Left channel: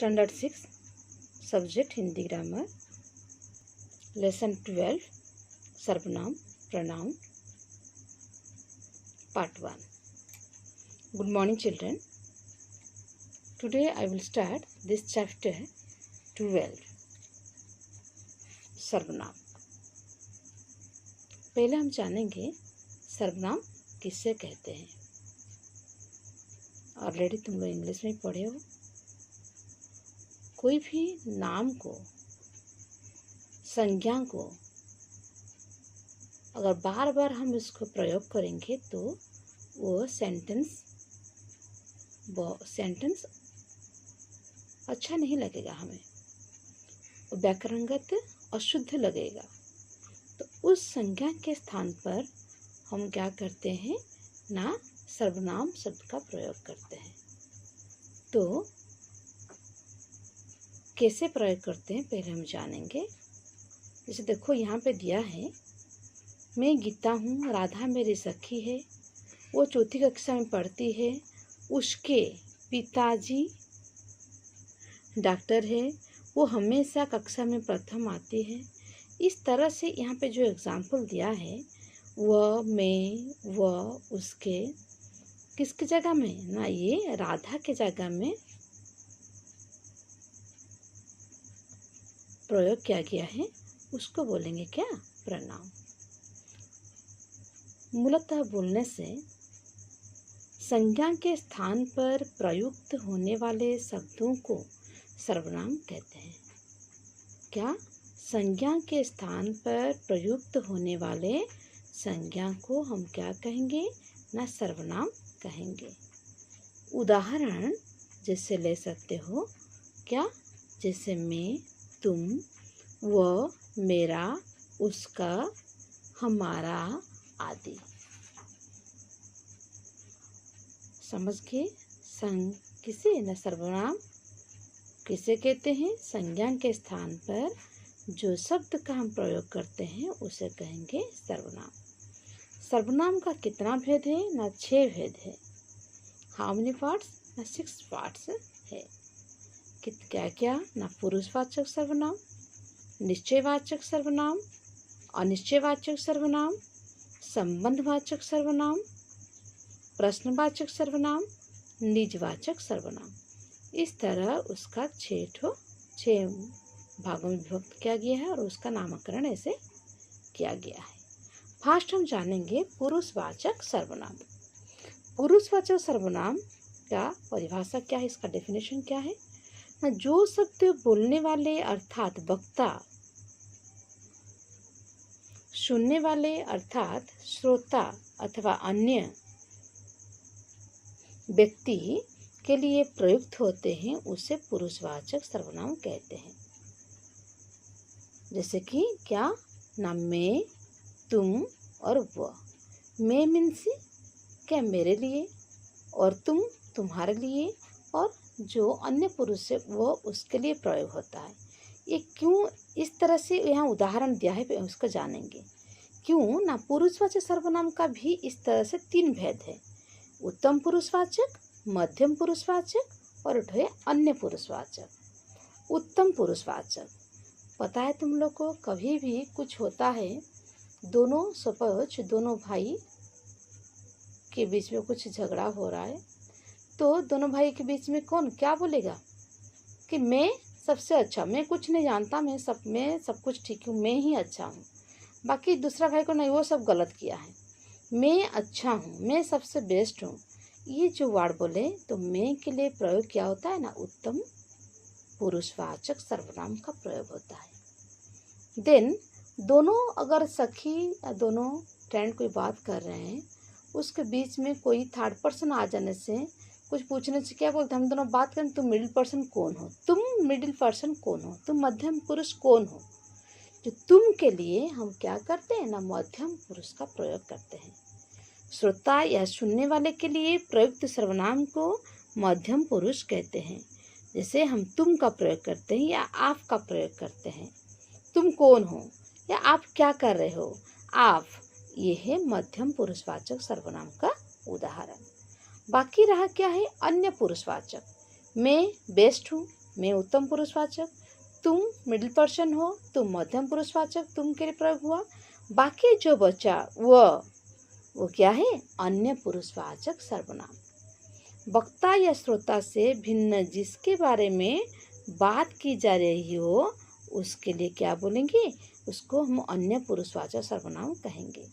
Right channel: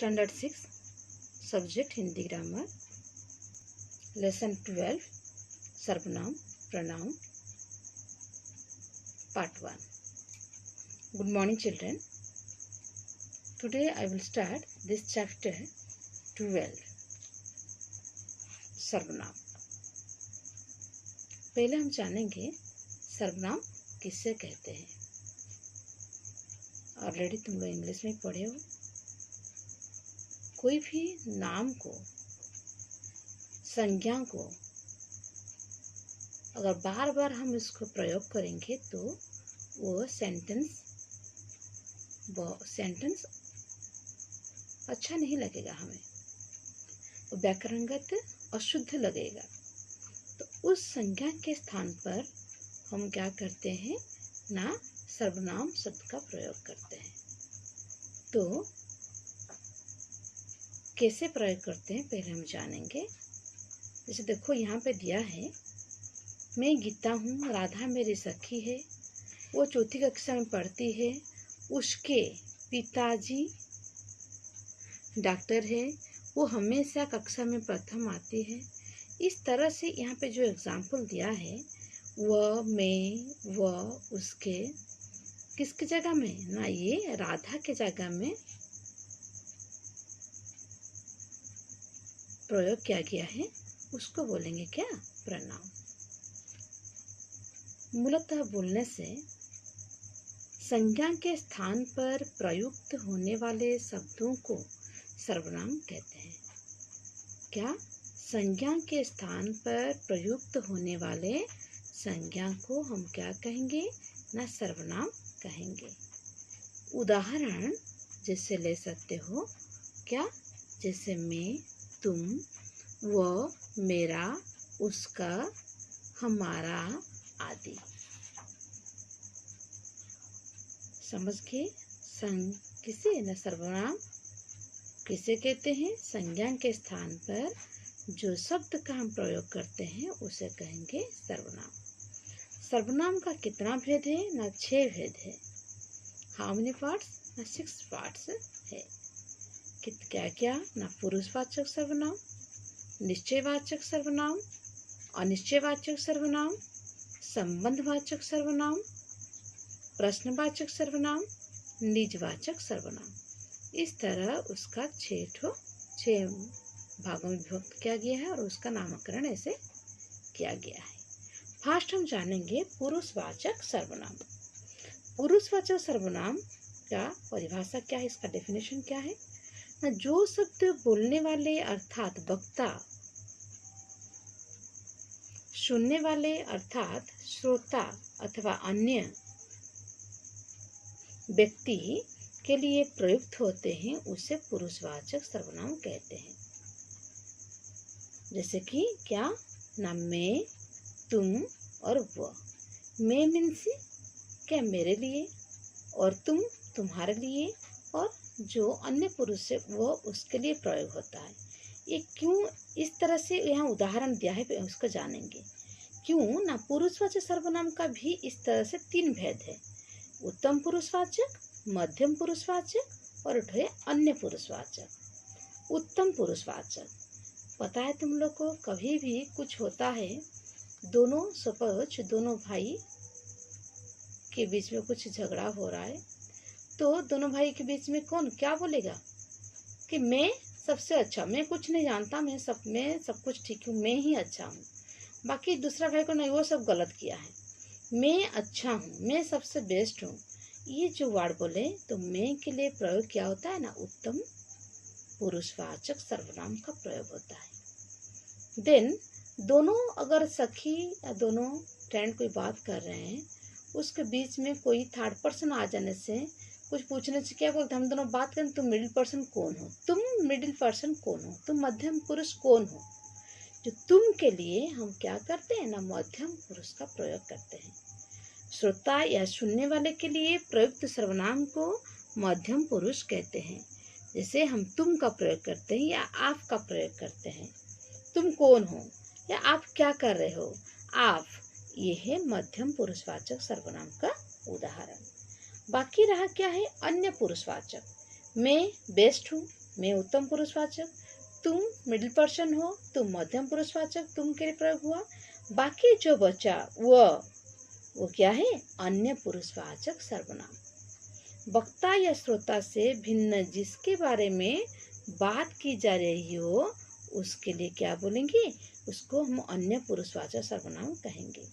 Standard 6 subject Hindi grammar lesson 12 सर्वनाम pronoun part 1. Good morning children. Today I will start this chapter 12 सर्वनाम. पहले हम जानेंगे सर्वनाम किससे कहते हैं. ऑलरेडी तुम लोग इंग्लिश में पढ़े हो. कोई भी नाम को, संज्ञा को अगर बार बार हम इसको प्रयोग करेंगे तो वो सेंटेंस अच्छा नहीं लगेगा, हमें व्याकरणगत अशुद्ध लगेगा. तो उस संज्ञा के स्थान पर हम क्या करते हैं ना, सर्वनाम शब्द का प्रयोग करते हैं. तो कैसे प्रयोग करते हैं पहले हम जानेंगे. जैसे देखो यहाँ पे दिया है, मैं गीता हूँ, राधा मेरी सखी है, वो चौथी कक्षा में पढ़ती है, उसके पिताजी डॉक्टर है, वो हमेशा कक्षा में प्रथम आती है. इस तरह से यहाँ पे जो एग्जाम्पल दिया है वह, मैं, वह, उसके, किसकी जगह में ना, ये राधा के जगह में प्रयोग किया गया है. उसको बोलेंगे क्या, प्रनाउन. मूलतः बोलने से संज्ञा के स्थान पर प्रयुक्त होने वाले शब्दों को सर्वनाम कहते हैं. क्या, संज्ञा के स्थान पर प्रयुक्त होने वाले संज्ञा को हम क्या कहेंगे ना, सर्वनाम कहेंगे. उदाहरण जैसे ले सकते हो क्या, जैसे मैं, तुम, वह, मेरा, उसका, हमारा आदि. समझ गए. किसे न सर्वनाम किसे कहते हैं, संज्ञा के स्थान पर जो शब्द का हम प्रयोग करते हैं उसे कहेंगे सर्वनाम. सर्वनाम का कितना भेद है ना, 6 भेद है. हाउ मेनी पार्ट्स ना, 6 पार्ट्स है. क्या क्या ना, पुरुषवाचक सर्वनाम, निश्चयवाचक सर्वनाम, अनिश्चयवाचक सर्वनाम, संबंधवाचक सर्वनाम, प्रश्नवाचक सर्वनाम, निजवाचक सर्वनाम. इस तरह उसका 6 भागों में विभक्त किया गया है और उसका नामकरण ऐसे किया गया है. फर्स्ट हम जानेंगे पुरुषवाचक सर्वनाम. पुरुषवाचक सर्वनाम का परिभाषा क्या है, इसका डेफिनेशन क्या है. जो शब्द बोलने वाले अर्थात वक्ता, सुनने वाले अर्थात श्रोता अथवा अन्य व्यक्ति के लिए प्रयुक्त होते हैं उसे पुरुषवाचक सर्वनाम कहते हैं. जैसे कि क्या ना, मैं, तुम और वह. मैं मीन्स क्या, मेरे लिए, और तुम तुम्हारे लिए, और जो अन्य पुरुष है वो उसके लिए प्रयोग होता है. ये क्यों इस तरह से यहाँ उदाहरण दिया है उसको जानेंगे. क्यों ना, पुरुषवाचक सर्वनाम का भी इस तरह से 3 भेद है. उत्तम पुरुषवाचक, मध्यम पुरुषवाचक और अन्य पुरुषवाचक. उत्तम पुरुषवाचक, पता है तुम लोग को, कभी भी कुछ होता है, दोनों सपोज दोनों भाई के बीच में कुछ झगड़ा हो रहा है, तो दोनों भाई के बीच में कौन क्या बोलेगा कि मैं सबसे अच्छा, मैं कुछ नहीं जानता, मैं सब कुछ ठीक हूँ, मैं ही अच्छा हूँ. बाकी दूसरा भाई को नहीं, वो सब गलत किया है, मैं अच्छा हूँ, मैं सबसे बेस्ट हूँ. ये जो वर्ड बोले तो मैं के लिए प्रयोग क्या होता है ना, उत्तम पुरुषवाचक सर्वनाम का प्रयोग होता है. देन दोनों अगर सखी या दोनों फ्रेंड कोई बात कर रहे हैं, उसके बीच में कोई थर्ड पर्सन आ जाने से, कुछ पूछने से क्या बोलते हैं, हम दोनों बात करें, तुम मिडिल पर्सन कौन हो, तुम मिडिल पर्सन कौन हो, तुम मध्यम पुरुष कौन हो. जो तुम के लिए हम क्या करते हैं ना, मध्यम पुरुष का प्रयोग करते हैं. श्रोता या सुनने वाले के लिए प्रयुक्त सर्वनाम को मध्यम पुरुष कहते हैं. जैसे हम तुम का प्रयोग करते हैं या आप का प्रयोग करते हैं. तुम कौन हो या आप क्या कर रहे हो, आप, ये है मध्यम पुरुषवाचक सर्वनाम का उदाहरण. बाकी रहा क्या है, अन्य पुरुषवाचक. मैं बेस्ट हूँ, मैं उत्तम पुरुषवाचक, तुम मिडिल पर्सन हो, तुम मध्यम पुरुषवाचक तुम के लिए प्रयोग हुआ। बाकी जो बचा वो क्या है, अन्य पुरुषवाचक सर्वनाम। वक्ता या श्रोता से भिन्न जिसके बारे में बात की जा रही हो उसके लिए क्या बोलेंगे, उसको हम अन्य पुरुषवाचक सर्वनाम कहेंगे।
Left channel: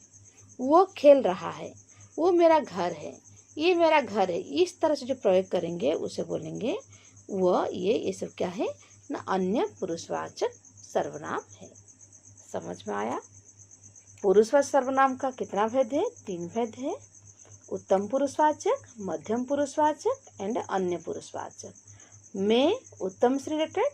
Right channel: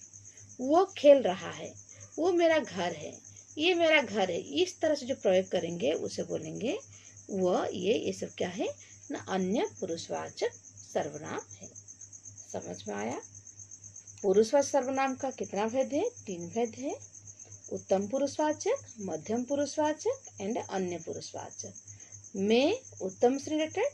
वो खेल रहा है, वो मेरा घर है, ये मेरा घर है, इस तरह से जो प्रयोग करेंगे उसे बोलेंगे वह ये सब क्या है ना, अन्य पुरुषवाचक सर्वनाम है। समझ में आया? पुरुषवाचक सर्वनाम का कितना भेद है? 3 भेद है। उत्तम पुरुषवाचक, मध्यम पुरुषवाचक एंड अन्य पुरुषवाचक। मैं उत्तम से रिलेटेड,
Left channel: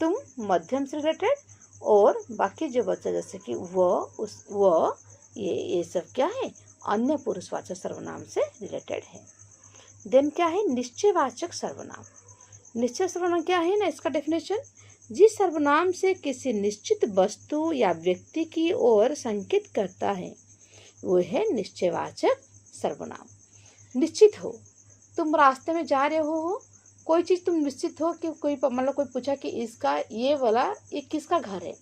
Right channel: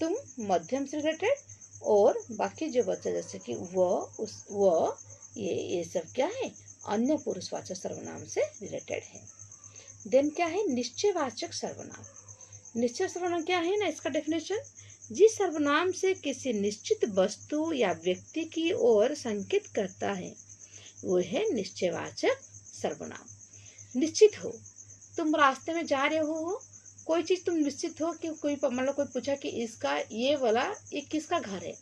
तुम मध्यम से रिलेटेड, और बाकी जो बच्चा जैसे कि वह ये सब क्या है, अन्य पुरुषवाचक सर्वनाम से रिलेटेड है। देन क्या है, निश्चयवाचक सर्वनाम। निश्चय सर्वनाम क्या है ना, इसका डेफिनेशन, जिस सर्वनाम से किसी निश्चित वस्तु या व्यक्ति की ओर संकेत करता है वो है निश्चयवाचक सर्वनाम। निश्चित हो, तुम रास्ते में जा रहे हो, कोई चीज़ तुम निश्चित हो कि कोई मतलब कोई पूछा कि इसका ये वाला ये किसका घर है,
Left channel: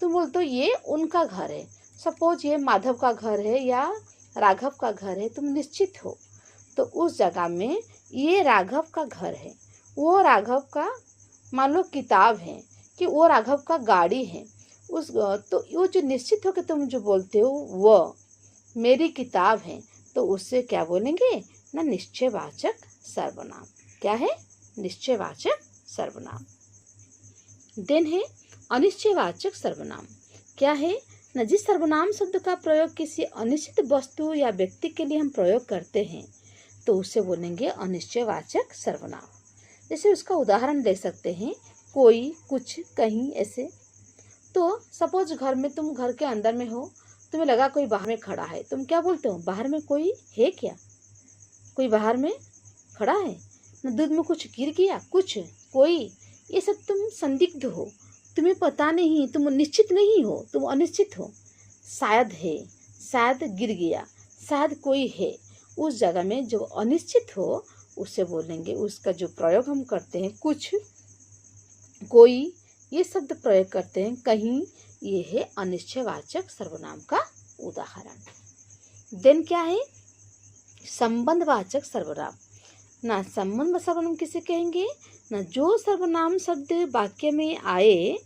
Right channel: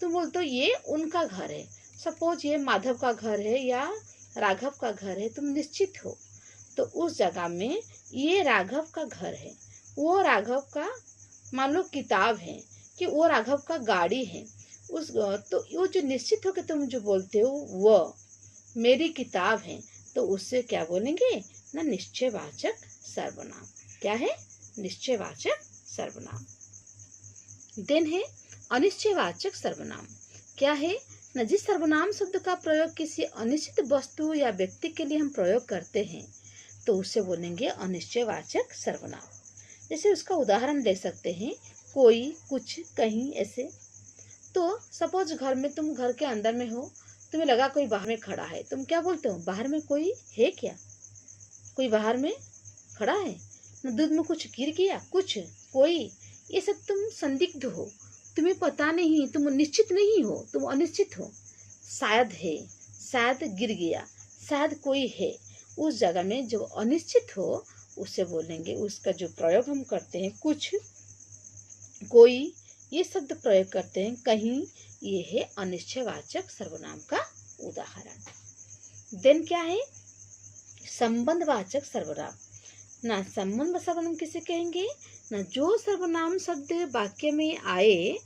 तुम बोलते हो ये उनका घर है। सपोज ये माधव का घर है या राघव का घर है, तुम निश्चित हो, तो उस जगह में ये राघव का घर है, वो राघव का मान लो किताब है, कि वो राघव का गाड़ी है, तो वो जो निश्चित हो कि तुम जो बोलते हो वो मेरी किताब है, तो उससे क्या बोलेंगे ना, निश्चयवाचक सर्वनाम। क्या है? निश्चयवाचक सर्वनाम। देन है अनिश्चयवाचक सर्वनाम। क्या है ना, जिस सर्वनाम शब्द का प्रयोग किसी अनिश्चित वस्तु या व्यक्ति के लिए हम प्रयोग करते हैं तो उससे बोलेंगे अनिश्चयवाचक सर्वनाम। जैसे उसका उदाहरण दे सकते हैं, कोई, कुछ, कहीं, ऐसे। तो सपोज घर में, तुम घर के अंदर में हो, तुम्हें लगा कोई बाहर में खड़ा है, तुम क्या बोलते हो, बाहर में कोई है क्या, कोई बाहर में खड़ा है ना, दूध में कुछ गिर गया, कुछ, कोई, ये सब तुम संदिग्ध हो, तुम्हें पता नहीं, तुम निश्चित नहीं हो, तुम अनिश्चित हो। शायद है, शायद गिर गया, शायद कोई है, उस जगह में जो अनिश्चित हो उससे बोलेंगे, उसका जो प्रयोग हम करते हैं, कुछ, कोई, ये शब्द प्रयोग करते हैं, कहीं, ये है अनिश्चयवाचक सर्वनाम का उदाहरण। देन क्या है, संबंधवाचक सर्वनाम ना। संबंध सर्वनाम किसे कहेंगे ना, जो सर्वनाम शब्द वाक्य में आए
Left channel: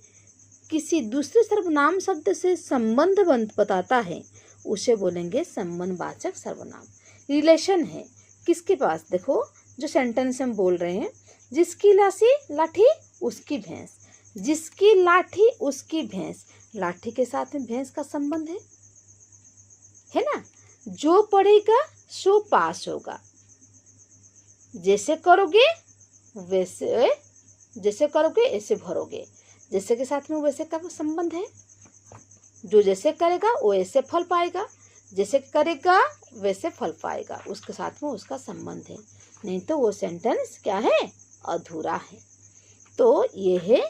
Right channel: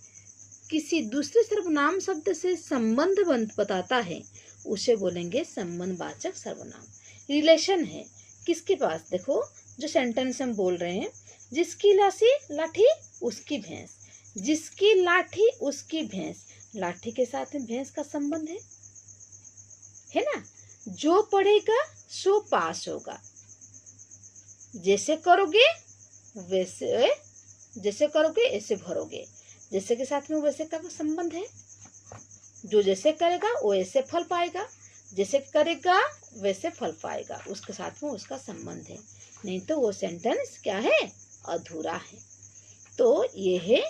किसी दूसरे सर्वनाम शब्द से संबंध बताता है उसे बोलेंगे संबंधवाचक सर्वनाम। रिलेशन है किसके पास, देखो जो सेंटेंस हम बोल रहे हैं, जिसकी लाठी उसकी भैंस, जिसकी लाठी उसकी भैंस, लाठी के साथ में भैंस का संबंध है ना। जो पढ़ेगा सो पास होगा, जैसे करोगे ऐसे भरोगे, जैसे के साथ में वैसे का संबंध है। जो जैसे करेगा वो ऐसे फल पाएगा, जैसे करेगा वैसे फल पाएगा, उसके साथ में उसका संबंध है, नहीं तो वो सेंटेंस क्या है, अधूरा है। तो ये है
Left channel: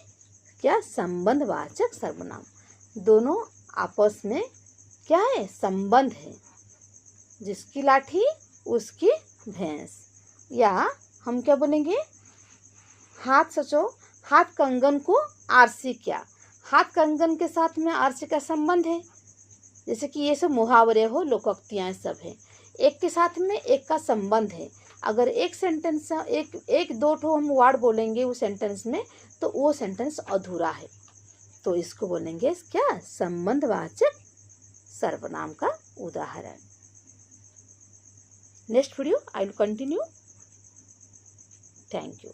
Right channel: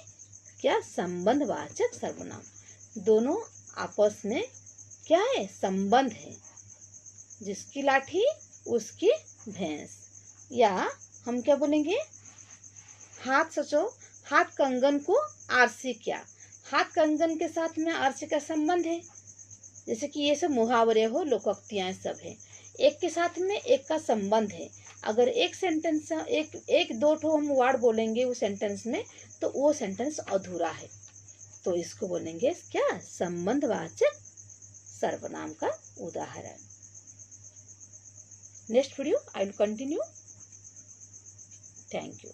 क्या, संबंधवाचक सर्वनाम। दोनों आपस में क्या है, संबंध है, जिसकी लाठी उसकी भैंस। या हम क्या बोलेंगे, हाथ सोचो, हाथ कंगन को आरसी क्या, हाथ कंगन के साथ में आरसी का संबंध है। जैसे कि ये सब मुहावरे हो, लोकोक्तियाँ सब है, एक के साथ में एक का संबंध है। अगर एक सेंटेंस एक दो ठो हम वर्ड बोलेंगे उस सेंटेंस में, तो वो सेंटेंस अधूरा है, तो इसको बोलेंगे क्या, संबंधवाचक सर्वनाम का उदाहरण। Next video I will continue. Thank you.